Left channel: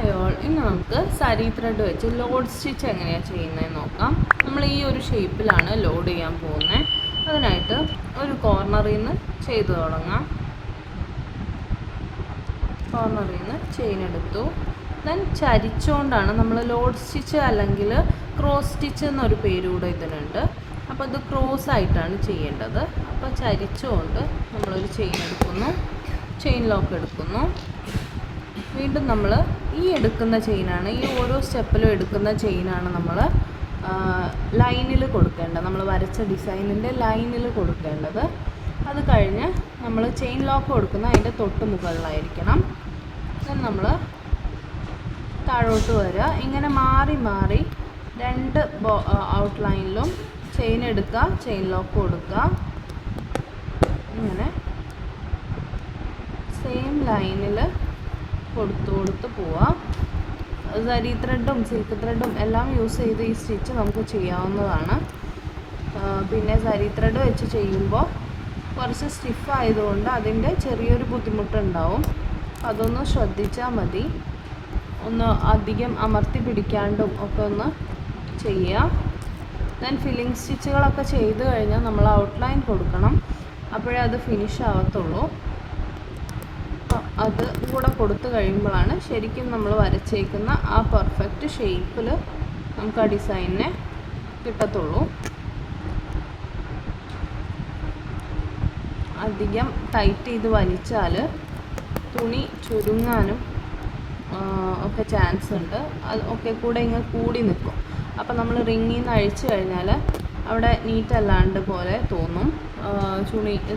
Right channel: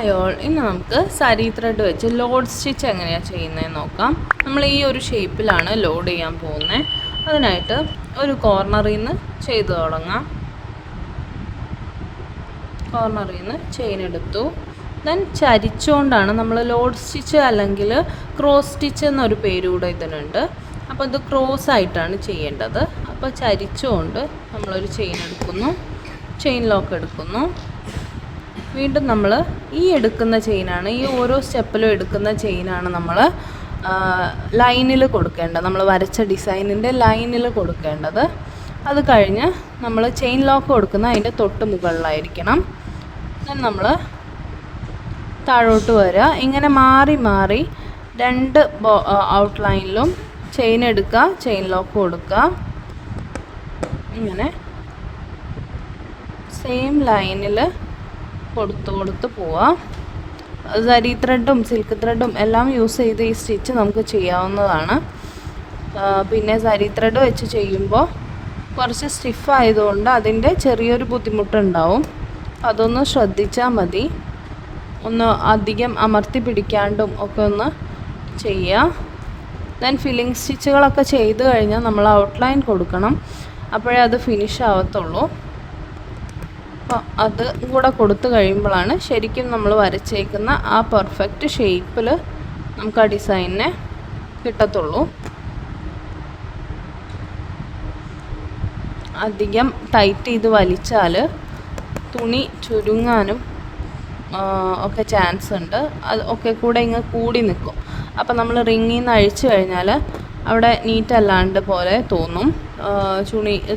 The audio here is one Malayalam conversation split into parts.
ഹായ് ഓൾ, ഇന്ന് നമുക്ക് സാരി ത്രെഡ് വെച്ച് ലോഡ് സ്റ്റിച്ച് എങ്ങനെയാണ് ചെയ്യുന്നതെന്ന് നോക്കാം. നമ്മൾ ഈ ഒരു ഷേപ്പിലാണ് ലോഡ് ചെയ്യാൻ പോകുന്നത്. അതിനായിട്ട് ഒരു കോർണറിൽ നിന്ന് ചെയ്ത് തുടങ്ങാം. കോർണറിൽ നിന്ന് ചെയിൻ എടുത്തു. ദെൻ ചരിച്ചുകൊണ്ടാണ് നമ്മൾ ലോഡ് സ്റ്റിച്ച് അല്ലെങ്കിൽ ക്രോസ് സ്റ്റിച്ച് എന്നൊരു പേര് കൂടെ ഇതിനുണ്ട്. അപ്പോൾ ഇത് ക്രോസ് ആയിട്ടാണ് ചെയ്യേണ്ടത്. അപ്പോൾ ചരിച്ചുകൊണ്ട് നമ്മളൊരു ചെയിൻ എടുക്കുന്നു, ചെയിൻ ലോക്ക് എടുക്കുന്നു. വീണ്ടും നമ്മൾ ഈ എടുക്കുന്ന ചെയിനാണ്, ഈ ഓരോ സ്റ്റെപ്പിലും എടുക്കുന്ന ചെയിനാണ് നമ്മൾ ലൈനിൽ കൊടുക്കേണ്ടത്. നമ്മൾ വരച്ച ഡിസൈനിൻ്റെ ലൈനിൽ കൊടുക്കേണ്ടത്. അത് കഴിഞ്ഞ് നമ്മൾ ചെയിൻ ലോക്ക് കൊടുക്കുന്ന അതിൻ്റെ തൊട്ട് മുകളിലായിരിക്കണം. നമ്മൾ താഴോട്ട് വരിക. ഇങ്ങനെ മാറി മാറി രണ്ട് ഔട്ട്ലൈനിലും ചെയിൻ എടുക്കുക, ചെയിൻ ലോക്ക് കൊടുക്കുക. ഇങ്ങനെ സെയിം ലൈനിൽ കൊടുത്ത് പോവാം. സരി ത്രെഡും സിൽക്ക് ത്രെഡും എല്ലാം യൂസ് ചെയ്ത് ഈ സ്റ്റിച്ച് നമുക്ക് ചെയ്യാവുന്നതാണ്. പിന്നെ സരി ത്രെഡ് വെച്ച് ചെയ്യുമ്പോൾ കുറച്ച് സ്റ്റിഫ് ആയതുകൊണ്ട് അതിൻ്റെ ചെറിയൊരു ബുദ്ധിമുട്ടുണ്ടാവും. അതൊന്ന് ശ്രദ്ധിച്ചാൽ മതി. ഒന്ന് അധികം അമർത്തി പിടിക്കാണ്ടും ഒക്കെ ഒന്ന് ചെയ്യുക. ദെൻ ഫില്ലിങ് സ്റ്റിച്ചുകളൊക്കെ ചെയ്ത് കഴിഞ്ഞാൽ നമ്മൾ ഔട്ട്ലൈൻ കൊടുക്കണം. അപ്പോഴേ അത് ഫിനിഷ് ആവത്തുള്ളൂ. അത് കൂടെ കൊടുത്തു കഴിയുമ്പോഴാണ് ശരിക്കും നമ്മൾ വരച്ചേക്കുന്ന ആ പെർഫെക്റ്റ് ഷേപ്പിൽ നമുക്ക് ആ ഡിസൈനിനെ കിട്ടത്തുള്ളൂ. അധികം ടൈറ്റ് ചെയ്ത് വലിച്ചാൽ തുണി ചുരുങ്ങാനും ഒക്കെ ചാൻസ് ഉണ്ട്. അത് ഒക്കെ കൂടെ ഇങ്ങ് കൂടി നിൽക്കും. അപ്പോൾ നമ്മൾ റിങ്ങിൽ നിന്ന് അഴിച്ചു കഴിഞ്ഞാൽ അവിടെ നീറ്റ് അല്ലാണ്ട് പോലെ തോന്നും.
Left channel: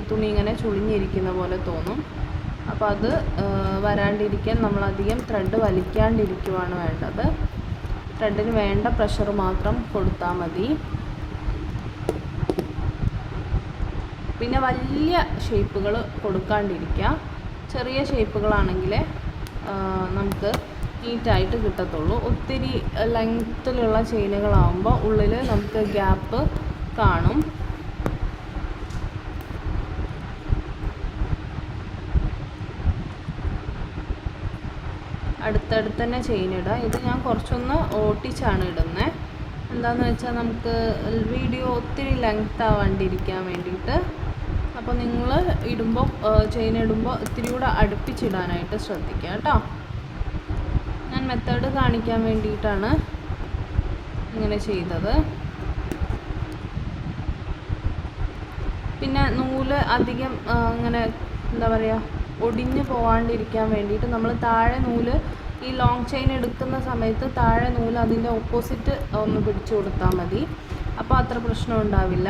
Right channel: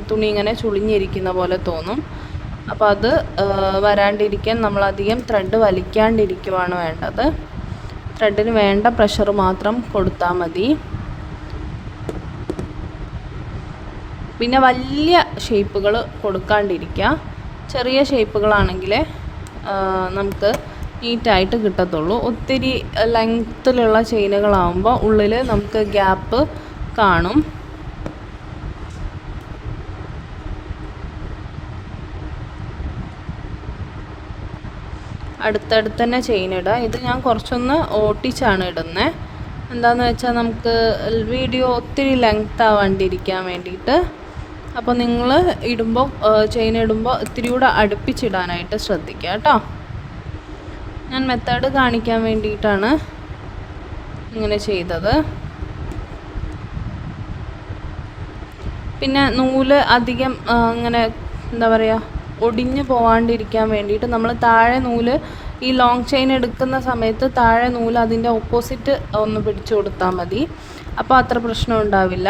തുണി ഇങ്ങനെ ചുളിഞ്ഞിരിക്കുന്ന പോലെ തോന്നും. അപ്പോൾ അത് വരാണ്ടിരിക്കാൻ നമ്മളധികം ത്രെഡ് വലിക്കാണ്ടിരിക്കുവാണ് വേണ്ടത്. ത്രെഡിന് വേണ്ട പ്രഷർ മാത്രം കൊടുത്താൽ മതി. പിന്നെ വലിയ ഷേപ്പുകൾ കൊടുക്കാണ്ടിരിക്കുക. ചെറിയ ഷേപ്പുകളാണെങ്കിൽ നമുക്ക് നീറ്റായിട്ട് കിട്ടത്തുള്ളൂ. ഒത്തിരി ലെങ്ത്തിലുള്ള ചെയിനുകളാകുമ്പോൾ ഉള്ളിൽ നമുക്ക് ഗ്യാപ്പ് കാണും. അടുത്തടുത്ത് തന്നെ ചെയിൻ ഇടുക. ഇത് ഞാൻ കുറച്ചൊന്ന് ഓട്ടിച്ചാണ് ഇടുന്നത്. എന്താണെന്ന് വെച്ചാൽ നമുക്ക് വീഡിയോ ഒത്തിരി ലെങ്ത് ആവാണ്ടിരിക്കാൻ വേണ്ടിയിട്ട്. അപ്പോൾ നിങ്ങൾ ഇടുമ്പോൾ ചെയിൻ ഇടുമ്പോൾ ഇത്തിരി കൂടെ അടുപ്പിച്ചിടാനായിട്ട് ശ്രദ്ധിക്കുക കേട്ടോ. ഞാൻ മെത്തേഡ് കാണിക്കാൻ വേണ്ടിയിട്ടാണ് ഇങ്ങനെ ചെയ്തത്. പിന്നെ നൂല് അധികം ഇങ്ങനെ എന്താ പറയുക ഒടിഞ്ഞു പോകാണ്ടിരിക്കാൻ വേണ്ടിയിട്ട് നമ്മൾ താഴെ നൂല് ഈ ലോങ് ചെയിൻ എടുക്കുന്ന സമയത്ത് താഴെ നൂല് അതിൻ്റെ ഓപ്പോസിറ്റ് ഒന്ന് പിടിച്ചു കൊടുത്താൽ മതി. അപ്പോൾ അത്ര പ്രശ്നം ഉണ്ടാവില്ല.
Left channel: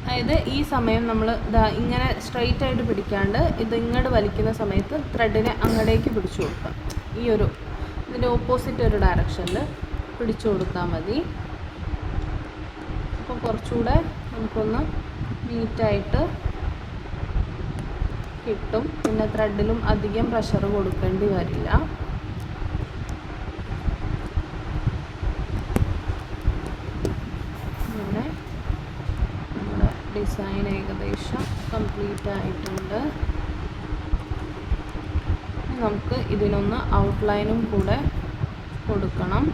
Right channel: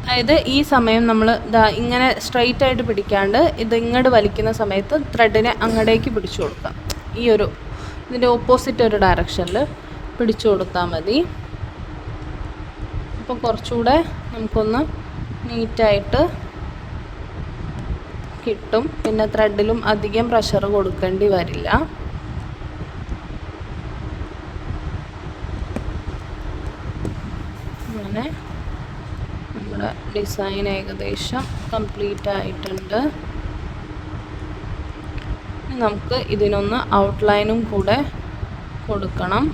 അതായത് ഈ സമയം നമ്മൾ ഇങ്ങനെ സ്ട്രെയിറ്റ് ആയിട്ട് പിടിക്കാണ്ട് ഇത് ഇങ്ങോട്ട് വലിക്കുന്ന സമയത്ത് ത്രെഡിനെ അങ്ങടേക്ക് പിടിച്ചു കൊടുക്കാം. ഇതിൻ്റെ ഓപ്പോസിറ്റ് ഒരു ഡയറക്ഷനിൽ പിടിച്ചു കൊടുത്താൽ മതി. അപ്പോൾ കുറച്ചുകൂടെ നമുക്കൊന്ന് നീറ്റായിട്ട് കിട്ടും. പിന്നെ ത്രെഡിലും അധികം പ്രഷർ കൊടുക്കേണ്ടി വരില്ല. അങ്ങനെ നമ്മുടെ ഡിസൈൻ ഏകദേശം കംപ്ലീറ്റ് ആയിട്ടുണ്ട്. നമുക്ക് ഇതിനൊന്ന് ഔട്ട്ലൈനും കൂടെ കൊടുക്കണം.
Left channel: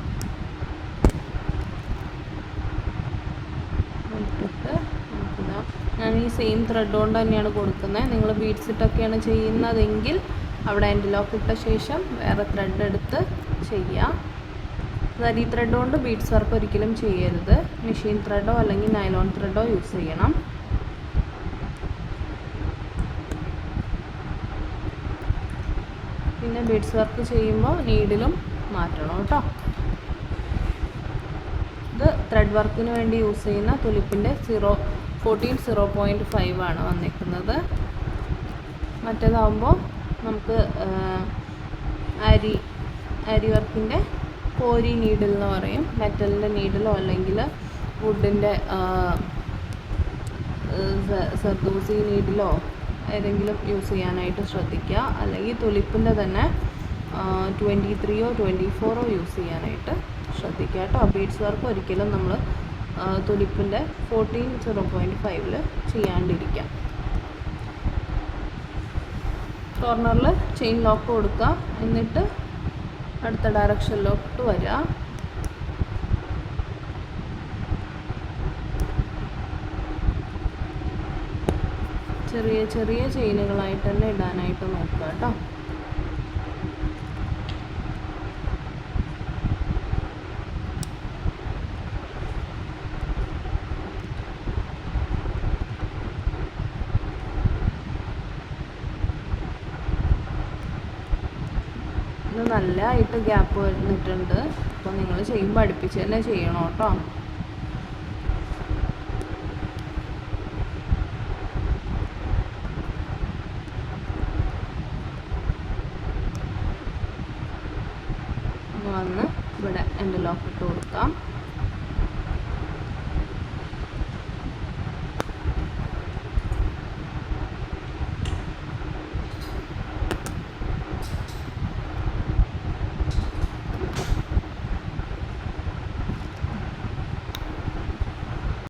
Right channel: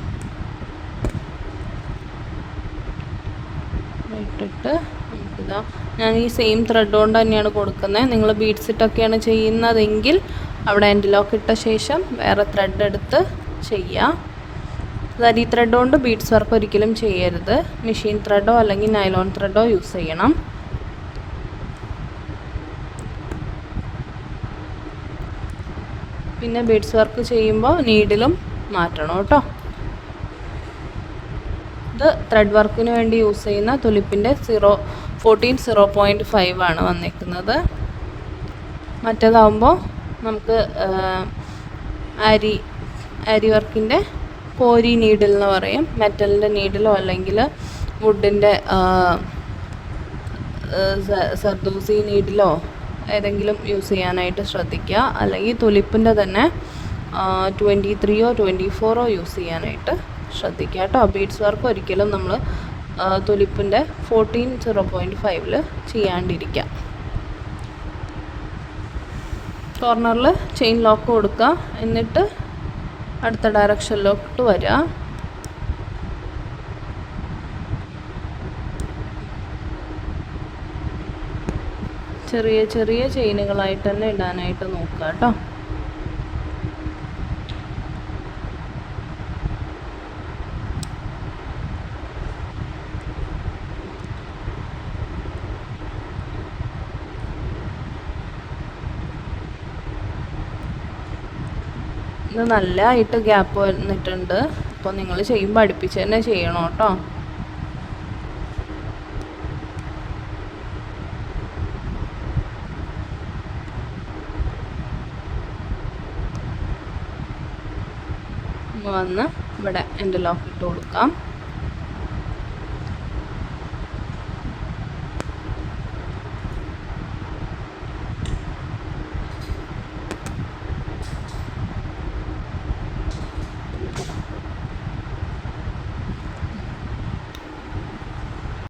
ഇട്ടിട്ട് നമുക്കിതാ ഞാൻ ഈ സെയിം ത്രെഡ് കൊണ്ട് തന്നെയാണ് കൊടുക്കുന്നത്. നിങ്ങൾ ബീഡ്സ് ഇട്ടൊക്കെയാണ് ചെയ്യുന്നതെങ്കിൽ അവിടെ എൻഡ് ലോക്ക് ഇട്ട ശേഷം വേറെ ത്രെഡ് എടുത്ത് ചെയ്യുക. സരി ത്രെഡ് കൊണ്ട് ബീഡ്സ് വർക്ക് ഒരിക്കലും ചെയ്യരുത്. മെഷീൻ ത്രെഡോ അല്ലെങ്കിൽ നൈലോൺ ത്രെഡോ യൂസ് ചെയ്യണം. പിന്നെ ബീഡ്സ് വർക്ക് ചെയ്യുമ്പോൾ നീഡിലും മാറ്റണം കേട്ടോ. ഇത് ത്രെഡ് വർക്കിന് വേണ്ടി യൂസ് ചെയ്യുന്ന തുലിപ്പിൻ്റെ 0.5 ആണ് വന്നിരിക്കുന്നത്. മറ്റേതാകുമ്പോൾ നമുക്ക് അരി വർക്കിൻ്റെ കോരി നീഡിൽ എന്ന് പറയും. മെറ്റലിൻ്റെ നീഡിലോ അല്ലെങ്കിൽ വുഡിൻ്റെ സർദൂസി നീഡിലോ ഏതെങ്കിലും യൂസ് ചെയ്യാനായിട്ട് ശ്രദ്ധിക്കുക. അല്ലെങ്കിൽ തുലിപ്പിൻ്റെ തന്നെ 23 24 യൂസ് ചെയ്യാനായിട്ട് ശ്രദ്ധിക്കുക കേട്ടോ. ബീഡ്സ് വർക്ക് ഒരിക്കലും നമ്മൾ തുലിപ്പിൻ്റെ 0.5 ചെയ്യാണ്ടിരിക്കുക. കോർണറിൽ ചെയിൻ ലോക്ക് കൊടുക്കുക. എന്നിട്ട് അടുത്ത ഡയറക്ഷനിലോട്ട് വരിക. ചെറിയ ചെറിയ ചെയിനുകളായിട്ട് തന്നെ ഇടാനായിട്ട് നോക്കുക കേട്ടോ. ഇത് നല്ലതായിട്ട് ഗ്യാപ്പ് വന്നിട്ടുണ്ട്. അപ്പോൾ നിങ്ങൾ ചെയ്യുമ്പോൾ അടുപ്പിച്ച് തന്നെ ചെയ്യണം കേട്ടോ. വന്ന് ഇവിടെ എൻ്റെ ലോക്ക് ഇട്ട് കൊടുക്കാം.